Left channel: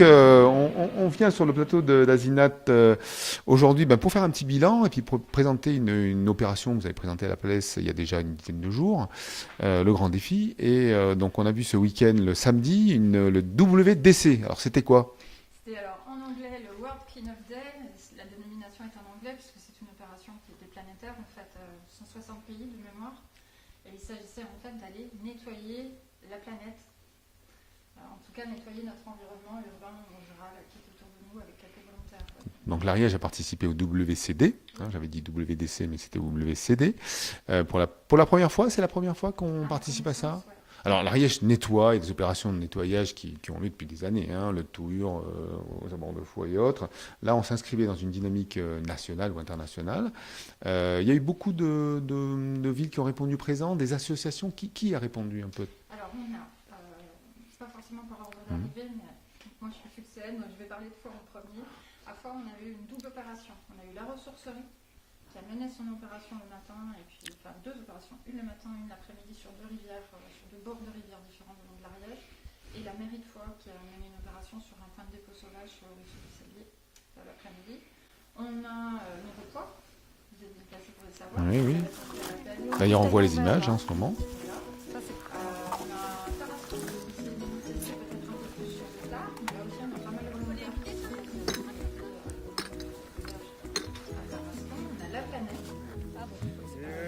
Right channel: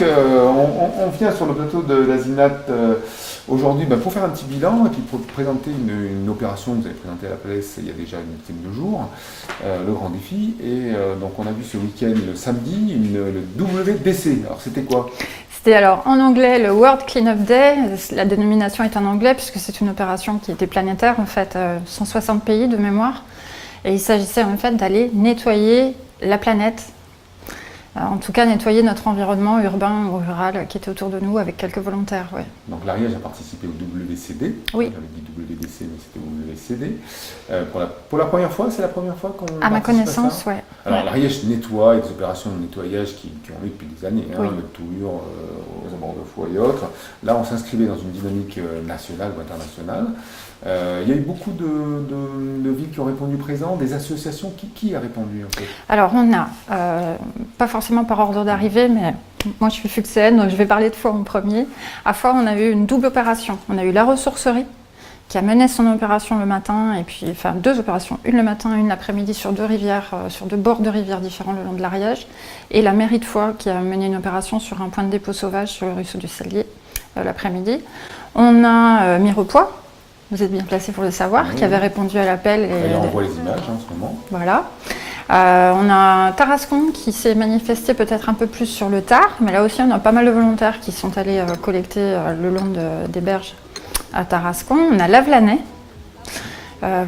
donc, on vient sur le plateau d'Asinat aujourd'hui pour faire un petit bilan et puis pour présenter une opération que vous avez présentée à la place il y a déjà une dizaine de jours, le grand défi. Et donc, on a vu ce week-end, le samedi, le WDC. Alors, c'était quoi? C'était alors en anglais le World Cleanup Day. La dénomination est en anglais puisque c'est une opération qui était planétaire, en fait, 160 pays de mémoire. Et il s'agissait en fait d'aller nettoyer la planète. En tout cas, nettoyer notre environnement urbain ou rural qui était autour de nous avec quelques volontaires. Ouais. Donc l'Ariège a participé au WCD. Oui. J'avais dit WDC, mais c'était WCD. Pour la première fois, c'est la première fois qu'on participe à ma connaissance, ça. oui. Alors l'Ariège nettoie, il y a des opérations de nettoyage qui ont eu depuis des années, Oui. le Tour, aux abords de foie et autres. Là, on s'inscrivait dans une dynamique nationale ou internationale. Il y a eu beaucoup de villes qui ont répondu présent, des associations. Qui a répondu en fait? Alors on a, pas forcément par ordre d'arrivée, mais moi je suis fuxéenne, donc je vais parler de Foix en premier. À Foix, on a eu une double opération. On a eu la ressourcerie qui a mené son opération le matin, et puis enfin 2 opérations, une le matin, une l'après-midi sur 2 rivières, sur 2 bords de rivières différents le long de l'Ariège, et la mairie de Foix qui a mené une opération sur un point de dépôt sauvage sur le ruisseau du Cellier l'après-midi. On a Mirepoix. Vous êtes bien placé pour le savoir, oui, qui avait répondu à l'appel. D'ailleurs, on voit les images en ce moment. Voilà. On a Tarascon qui s'est manifesté peut-être un peu plus sur le tard, mais là aussi on a pas mal de volontaires qui sont allés collecter le long des berges à Tarascon. On a Lavelanet.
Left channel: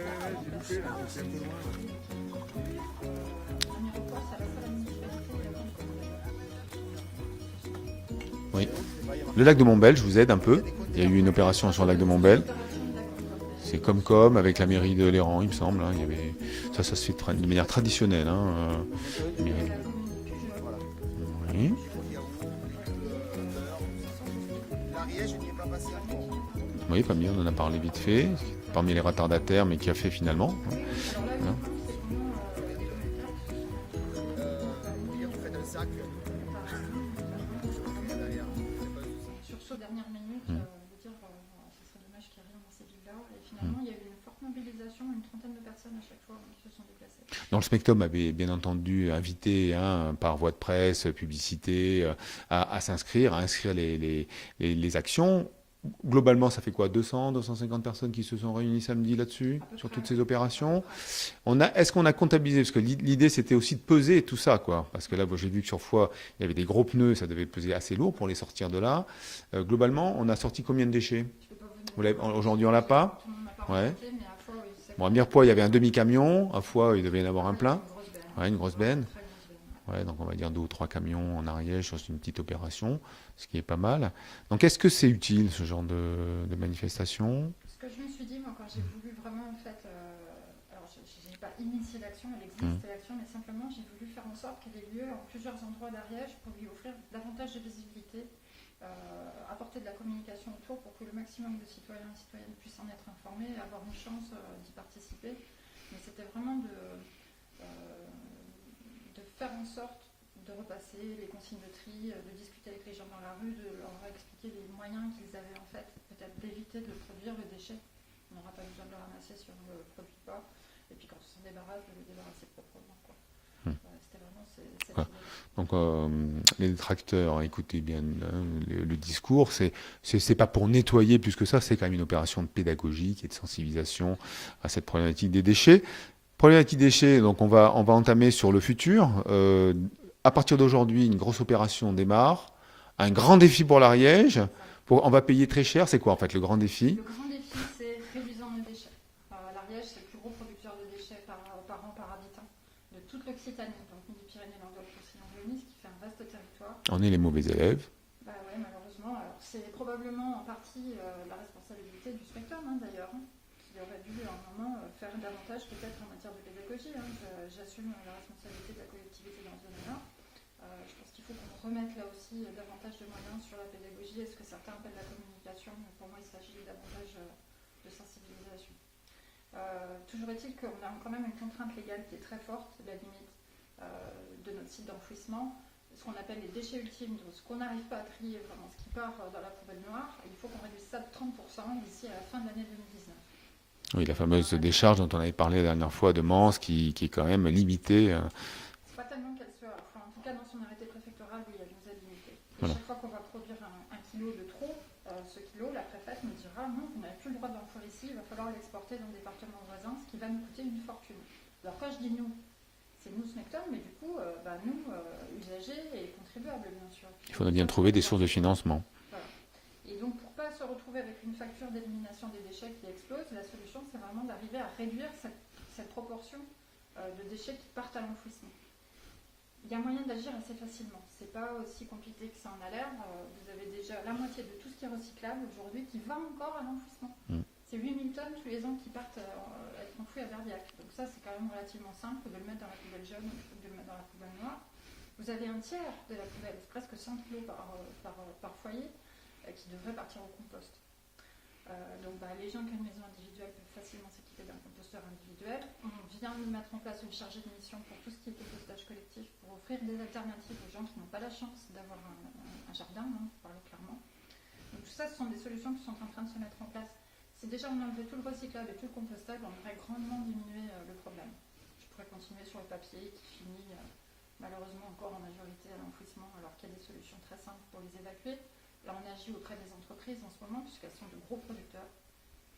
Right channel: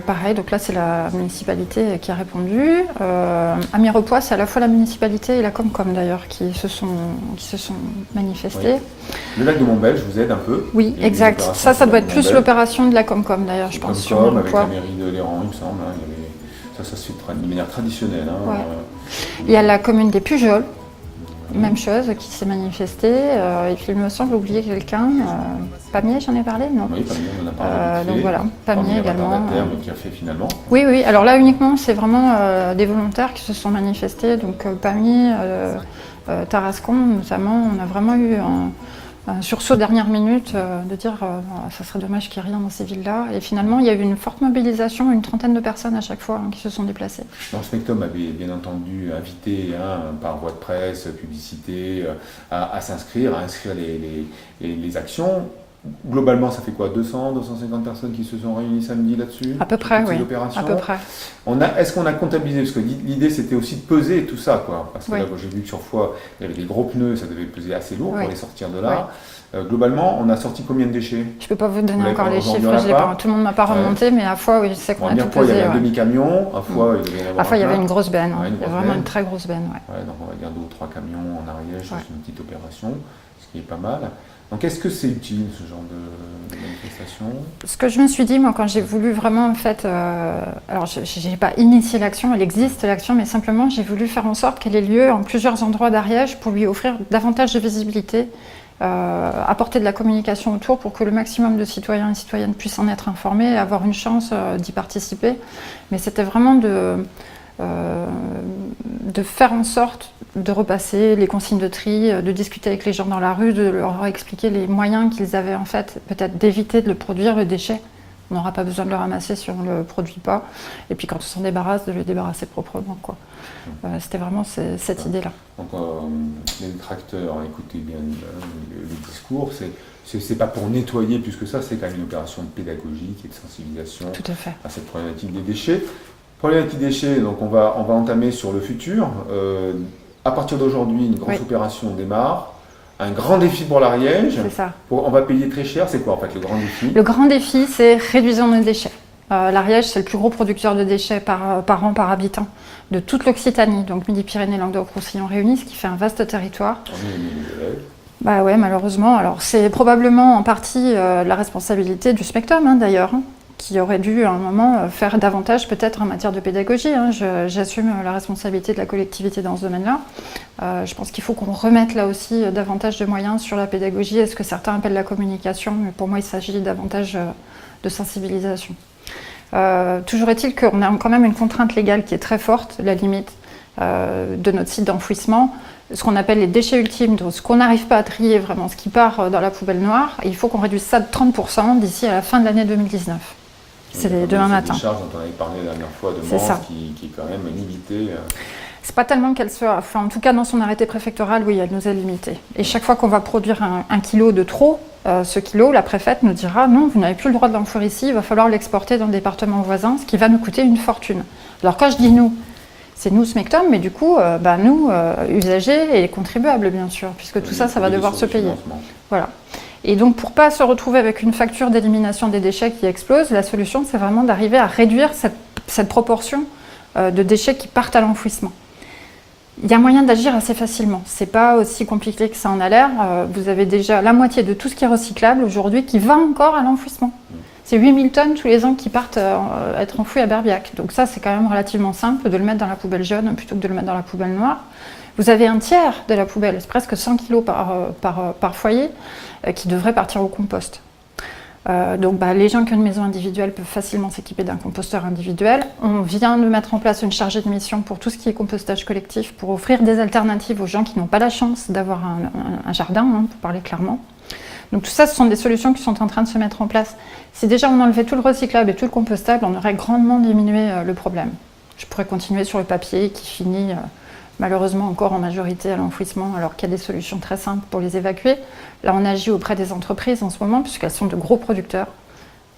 Pareil, donc là c'est la municipalité qui a répondu. À Mirepoix, c'est à la fois la municipalité et la Comcom d'ailleurs qui se sont manifestés. Oui. Le lac de Montbel, je vous aide un peu. Oui, exact. Ça doit être plus l'opération de la Comcom d'ailleurs, je pense. Comcom avec la mairie de Léran, il me semble. Hein, ça se fait de manière traditionnelle. Hein. Ouais. Il y a la commune des Pujols. Même chose, qui s'est manifestée. Et puis il me semble oublier quelqu'un. Pamiers, j'en ai parlé, non? Oui, Pamiers, on en a parlé vite fait. Donc voilà, Pamiers également. Mais qui a fait finalement. Oui, oui. Alors là uniquement, c'est vraiment des volontaires qui se sont manifestés. Donc Pamiers, Tarascon notamment, on a vraiment eu un sursaut dernière minute de dire ça serait dommage qu'il n'y ait rien dans ces villes-là. Et finalement, il y a eu une forte mobilisation, une trentaine de personnes à chaque fois qui se sont déplacées. Donc, le Spectrum avait bien entendu invité par voie de presse, publicité, à s'inscrire, à inscrire les actions. Globalement, ça fait quoi, 200, 250 personnes qui se sont réunies samedi là-dessus? À peu près, oui. À peu près. Est-ce qu'on a comptabilisé? Parce que l'idée, c'était aussi de peser tout ça, quoi. Parce que oui. là, j'ai vu que sur Foix, il y avait des gros pneus, ça devait peser assez lourd oui. pour les sortir de là. Oui. Globalement, on a sorti combien de déchets? Je ne peux pas vous donner encore les chiffres, tout le monde ne m'a pas remonté, mais à Foix, oui, je sais qu'on a tout il pesé. y avait un demi-camion, à Foix, il devait y en avoir À Foix, il y avait une grosse benne, vraiment une très grosse benne. Ouais, donc on va dire 2 ou 3 camions en Ariège, c'est une petite opération, ce qui est pas mal. Donc est-ce que c'est utile ce genre de manifestation? Ce que je me suis dit, moi, quand j'ai voulu vraiment, en fait, alors je n'ai pas initié l'action, elle existe l'action, mais simplement j'ai voulu faire en sorte qu'elle ait lieu en plusieurs endroits d'Ariège pour lui offrir davantage de visibilité, apporter de la communication autour pour que le maximum de citoyens et citoyennes puissent en être informés et avoir une chance d'y participer. Mais c'était vraiment de faire en sorte de repasser les consignes de tri, de discuter avec les gens dans la rue, de leur expliquer les moyens qu'ils avaient en fait, peut-être d'éviter de le produire, le déchet. On n'aura pas besoin de le ramasser si on ne le produit pas. Et puis quand on s'en débarrasse, de le débarrasser proprement, quoi. C'était vraiment cette idée-là. Donc les détracteurs, écoutez bien le discours, c'est pas pour nettoyer plus que ça, c'est quand même une opération pédagogique et de sensibilisation à cette problématique des déchets. Problématique déchets, donc on va entamer sur le futur. À partir d'aujourd'hui, une grosse opération démarre. Un grand défi pour l'Ariège. C'est ça. On va payer très cher. C'est quoi en fait le grand défi? Le grand défi, c'est réduisons nos déchets. L'Ariège, c'est le plus gros producteur de déchets par an, par habitant, de toute l'Occitanie, donc Midi-Pyrénées, Languedoc-Roussillon réunis, ce qui fait un vaste territoire. On est les mauvais élèves. Bah ouais, malheureusement. Alors c'est probablement en partie la responsabilité du Spectrum, d'ailleurs, qui aurait dû à un moment faire davantage peut-être en matière de pédagogie. J'assume la responsabilité de la collectivité dans ce domaine-là. Je pense qu'il faut qu'on remette là aussi davantage de moyens sur la pédagogie. Est-ce que certains appellent la communication? Mais pour moi, il s'agit davantage de sensibilisation. Toujours est-il qu'on a quand même une contrainte légale qui est très forte, la limite de notre site d'enfouissement, ce qu'on appelle les déchets ultimes, donc ce qu'on n'arrive pas à trier vraiment, ce qui part dans la poubelle noire. Et il faut qu'on réduise ça de 30% d'ici à la fin de l'année 2019. C'est demain matin. C'est des charges dont on avait parlé la dernière fois de Mans, qui est quand même limitée. C'est pas tellement qu'elle soit... Enfin, en tout cas, dans son arrêté préfectoral, oui, elle nous est limitée. Et chaque fois qu'on va produire un kilo de trop, ce kilo, la préfète nous dira « Non, vous n'avez plus le droit de l'enfouir ici, il va falloir l'exporter dans le département voisin, ce qui va nous coûter une fortune. » Alors quand je dis « nous », c'est nous, Smectom, mais du coup, nous, usagers et contribuables, bien sûr, puisque tout ça, ça va devoir se payer. Voilà. Et donc, pour ne pas se retrouver avec une facture d'élimination des déchets qui explose, la solution, c'est vraiment d'arriver à réduire cette proportion de déchets qui partent à l'enfouissement. Il y a moyen d'agir assez facilement. Ce n'est pas aussi compliqué que ça en a l'air. Vous avez déjà la moitié de tout ce qui est recyclable aujourd'hui qui va encore à l'enfouissement. C'est 8000 tonnes tous les ans qui partent être enfouis à Berbiac. Donc ça, c'est quand même relativement simple de le mettre dans la poubelle jaune plutôt que de le mettre dans la poubelle noire. Vous avez un tiers de la poubelle, c'est presque 100 kg par foyer, qui devrait partir au compost. Donc les gens qui ont une maison individuelle peuvent facilement s'équiper d'un composteur individuel. On vient de mettre en place une chargée de mission pour tout ce qui est compostage collectif, pour offrir des alternatives aux gens qui n'ont pas la chance d'avoir un jardin, pour parler clairement. Donc tout ça, ce sont des solutions qui sont en train de se mettre en place. Si déjà on enlevait tout le recyclable et tout le compostable, on aurait grandement diminué le problème. Je pourrais continuer sur le papier qui finit malheureusement encore en majorité à l'enfouissement, alors qu'il y a des solutions très simples pour les évacuer. Là, on agit auprès des entreprises en ce moment, puisqu'elles sont de gros producteurs.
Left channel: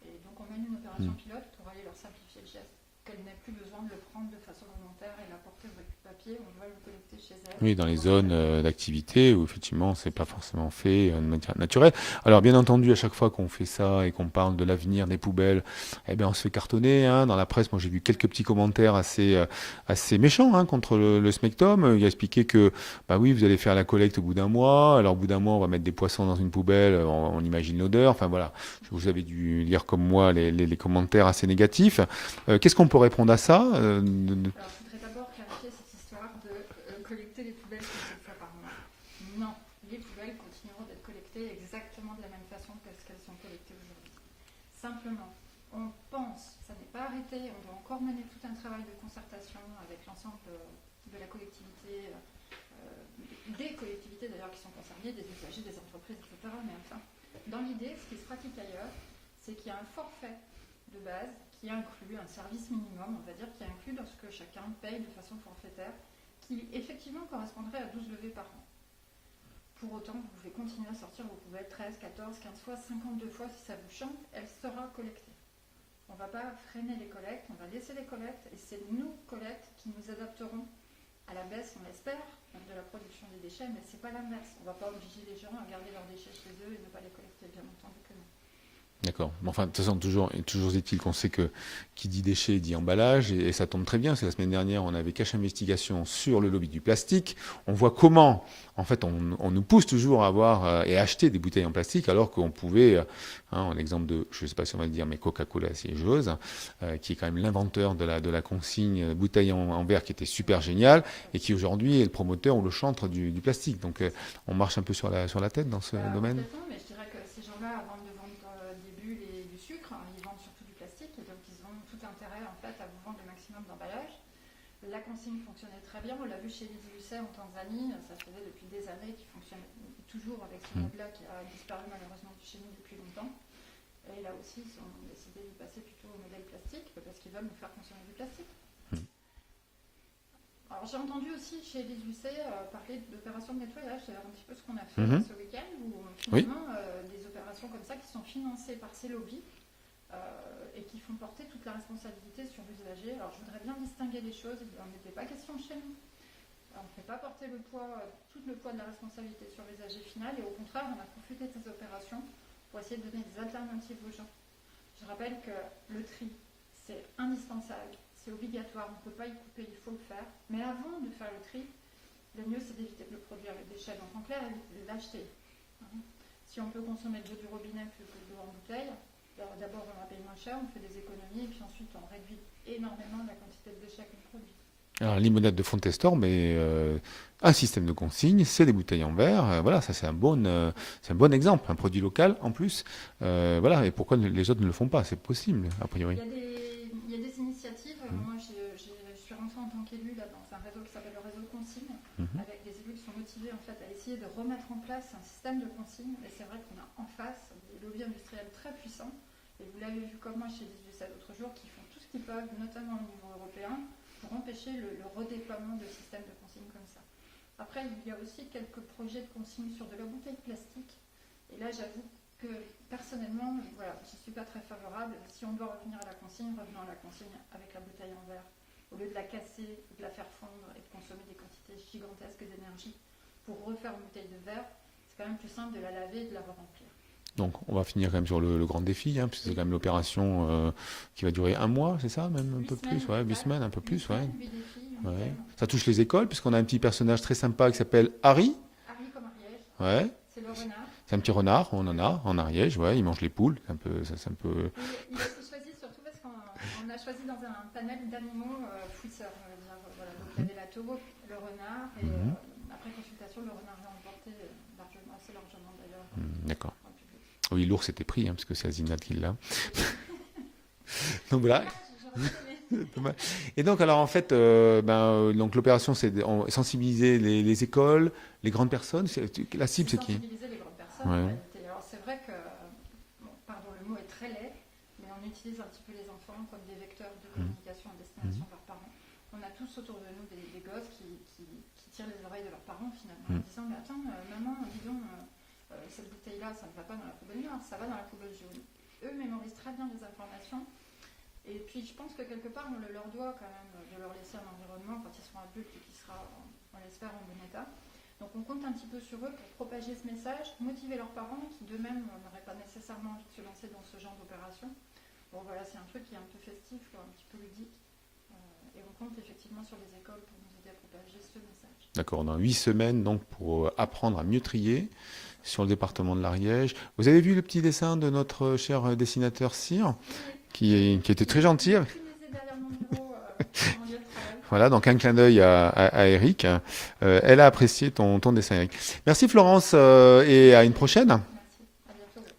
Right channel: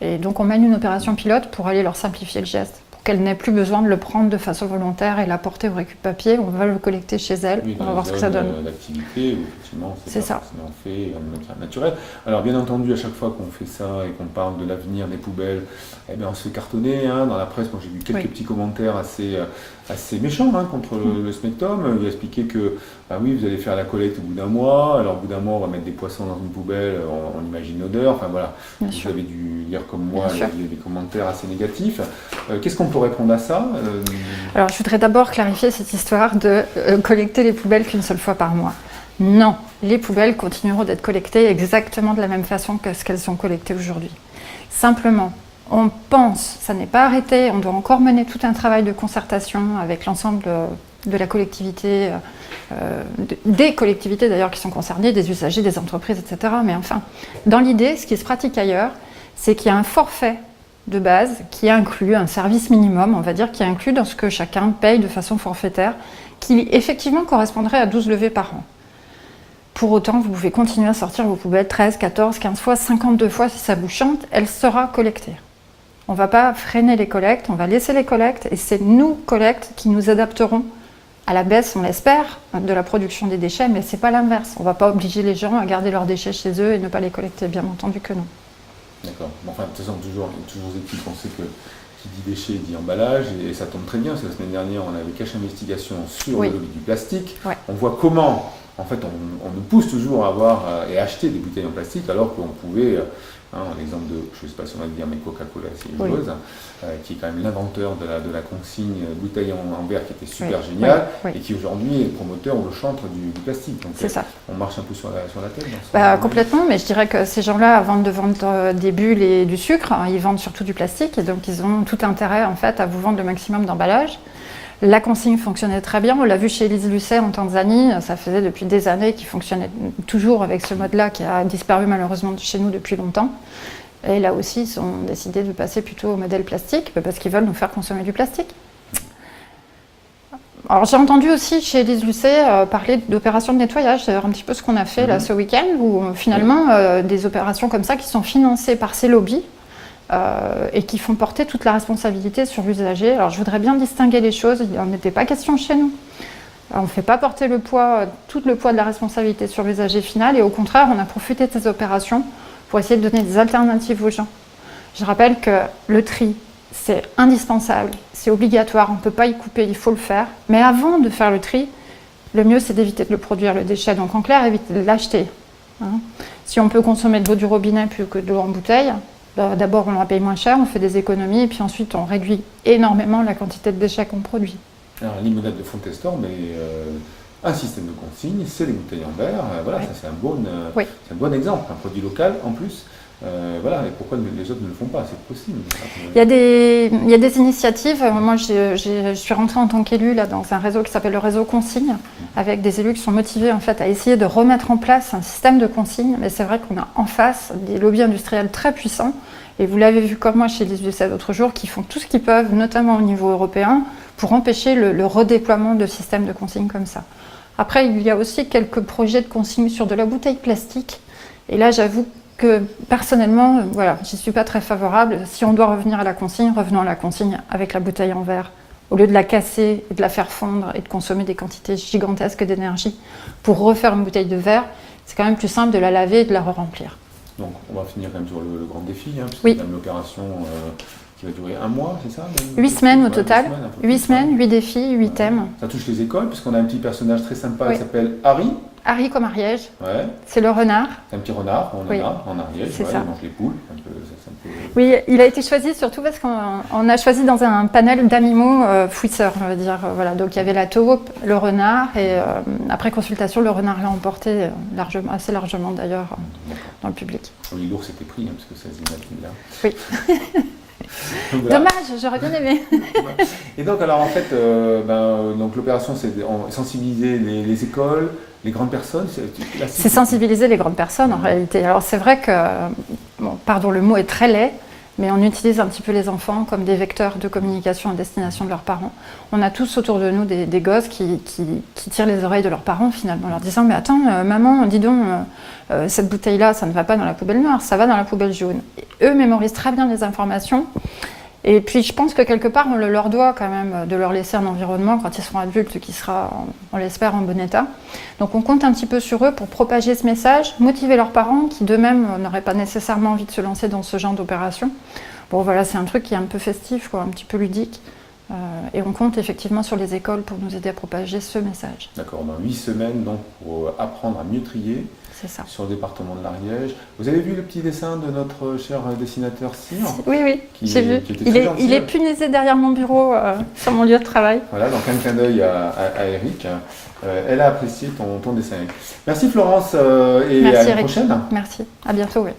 Et donc on mène une opération pilote pour aller leur simplifier le geste, pour qu'elles n'aient plus besoin de le prendre de façon volontaire et l'apporter au récup-papier. On va le collecter chez elles. Oui, dans les zones d'activité où effectivement c'est pas forcément fait de manière naturelle. Alors bien entendu, à chaque fois qu'on fait ça et qu'on parle de l'avenir des poubelles, eh bien, on se fait cartonner. Dans la presse, moi j'ai vu quelques petits commentaires assez méchants contre le Smectom. Il a expliqué que oui, vous allez faire la collecte au bout d'un mois. Alors au bout d'un mois, on va mettre des poissons dans une poubelle, on imagine l'odeur. Enfin voilà, vous avez dû lire comme moi les commentaires assez négatifs. Qu'est-ce qu'on peut répondre à ça? Alors, je voudrais d'abord clarifier cette histoire de collecter les poubelles qu'une seule fois par mois. Non, les poubelles continueront d'être collectées exactement de la même façon que ce qu'elles sont collectées aujourd'hui. Simplement, on pense, ça n'est pas arrêté, on doit encore mener tout un travail de concertation avec l'ensemble de la collectivité, des collectivités d'ailleurs qui sont concernées, des usagers, des entreprises, etc. Mais enfin, dans l'idée, ce qui se pratique ailleurs, c'est qu'il y a un forfait de base qui inclut un service minimum, on va dire, qui inclut dans ce que chacun paye de façon forfaitaire, qui effectivement correspondrait à 12 levées par an. Pour autant, vous pouvez continuer à sortir vos poubelles 13, 14, 15 fois, 52 fois si ça vous chante, elle sera collectée. On ne va pas freiner les collectes, on va laisser les collectes et c'est nous, collectes, qui nous adapterons à la baisse, on l'espère, de la production des déchets, mais ce n'est pas l'inverse. On ne va pas obliger les gens à garder leurs déchets chez eux et ne pas les collecter, bien entendu que non. D'accord. Enfin, de toute façon, toujours est-il qu'on sait que qui dit déchets dit emballage, et ça tombe très bien, parce que la semaine dernière, on avait Cache Investigation sur le lobby du plastique. Ouais. On voit comment, en fait, on nous pousse toujours à avoir et acheter des bouteilles en plastique, alors qu'on pouvait, l'exemple de, je ne sais pas si on va le dire, mais Coca-Cola, c'est joueuse, qui est quand même l'inventeur de la consigne bouteille en verre, qui était super génial, et qui aujourd'hui est le promoteur ou le chantre du plastique. Donc on marche un peu sur la tête dans ce complètement, mais je dirais que ces gens-là, avant de vendre des bulles et du sucre, ils vendent surtout du plastique, et donc ils ont tout intérêt en fait à vous vendre le maximum d'emballage. La consigne fonctionnait très bien, on l'a vu chez Élise Lucet en Tanzanie, ça faisait depuis des années qu'il fonctionnait toujours avec ce mode-là qui a disparu malheureusement de chez nous depuis longtemps. Et là aussi, ils ont décidé de passer plutôt au modèle plastique parce qu'ils veulent nous faire consommer du plastique. Alors j'ai entendu aussi chez Élise Lucet parler d'opérations de nettoyage, c'est un petit peu ce qu'on a fait là ce week-end, où finalement des opérations comme ça qui sont financées par ces lobbies, et qui font porter toute la responsabilité sur l'usager. Alors je voudrais bien distinguer les choses, il n'en était pas question chez nous. On ne fait pas porter tout le poids de la responsabilité sur l'usager final, et au contraire, on a profité de ces opérations pour essayer de donner des alternatives aux gens. Je rappelle que le tri, c'est indispensable, c'est obligatoire, on ne peut pas y couper, il faut le faire. Mais avant de faire le tri, le mieux c'est d'éviter de le produire, le déchet. Donc en clair, éviter de l'acheter. Si on peut consommer de l'eau du robinet plus que de l'eau en bouteille, d'abord, on la paye moins cher, on fait des économies, et puis ensuite, on réduit énormément la quantité de déchets qu'on produit. Alors, limonade de Fontestor, mais un système de consigne, c'est des bouteilles en verre. Voilà, ça c'est un bon exemple, un produit local en plus. Voilà, et pourquoi les autres ne le font pas? C'est possible. Il y a des initiatives. Moi, je suis rentrée en tant qu'élue dans un réseau qui s'appelle le réseau Consigne, avec des élus qui sont motivés en fait, à essayer de remettre en place un système de consigne. Mais c'est vrai qu'on a en face des lobbies industriels très puissants. Et vous l'avez vu comme moi chez l'ISUCED l'autre jour, qui font tout ce qu'ils peuvent, notamment au niveau européen, pour empêcher le redéploiement de systèmes de consigne comme ça. Après, il y a aussi quelques projets de consigne sur de la bouteille plastique. Et là, j'avoue que personnellement, voilà, j'y suis pas très favorable. Si on doit revenir à la consigne, revenons à la consigne avec la bouteille en verre. Au lieu de la casser et de la faire fondre et de consommer des quantités gigantesques d'énergie pour refaire une bouteille de verre, c'est quand même plus simple de la laver et de la re-remplir. Donc on va finir quand même sur le grand défi, puisque oui. c'est quand même l'opération qui va durer 1 mois, c'est ça? 8 semaines au total. 8 semaines, 8 défis, 8 thèmes. Ça touche les écoles, puisqu'on a un petit personnage très sympa qui s'appelle Harry. Harry comme Ariège. Ouais. C'est le renard. C'est un petit renard, on en a en Ariège, il mange les poules. Oui, il a été choisi surtout parce qu'on a choisi dans un panel d'animaux fouisseurs, on va dire. Voilà. Donc il y avait la taupe, le renard, et après consultation, le renard l'a emporté assez largement d'ailleurs dans le public. Oui, l'ours était pris, parce que c'est Azimut là. Oui. Donc, voilà. Dommage, j'aurais bien aimé. Et donc, alors en fait, donc l'opération, c'est sensibiliser les écoles, les grandes personnes. C'est sensibiliser les grandes personnes en réalité. Alors c'est vrai que, pardon, le mot est très laid, mais on utilise un petit peu les enfants comme des vecteurs de communication à destination de leurs parents. On a tous autour de nous des gosses qui tirent les oreilles de leurs parents finalement, en leur disant « Mais attends, maman, dis donc, cette bouteille-là, ça ne va pas dans la poubelle noire, ça va dans la poubelle jaune. » Eux mémorisent très bien les informations. Et puis je pense que quelque part, on leur doit quand même de leur laisser un environnement quand ils seront adultes qui sera, on l'espère, en bon état. Donc on compte un petit peu sur eux pour propager ce message, motiver leurs parents qui d'eux-mêmes n'auraient pas nécessairement envie de se lancer dans ce genre d'opération. Bon voilà, c'est un truc qui est un peu festif, un petit peu ludique. Et on compte effectivement sur les écoles pour nous aider à propager ce message. D'accord, dans 8 semaines donc, pour apprendre à mieux trier. C'est ça. Sur le département de l'Ariège. Vous avez vu le petit dessin de notre cher dessinateur Cyr? Oui, j'ai vu. Qui était très gentil. Il est punaisé derrière mon bureau, sur mon lieu de travail. Voilà, donc un clin d'œil à Eric. Elle a apprécié ton dessin. Merci Florence, et Merci, à une Eric. prochaine. Merci, à bientôt. Oui.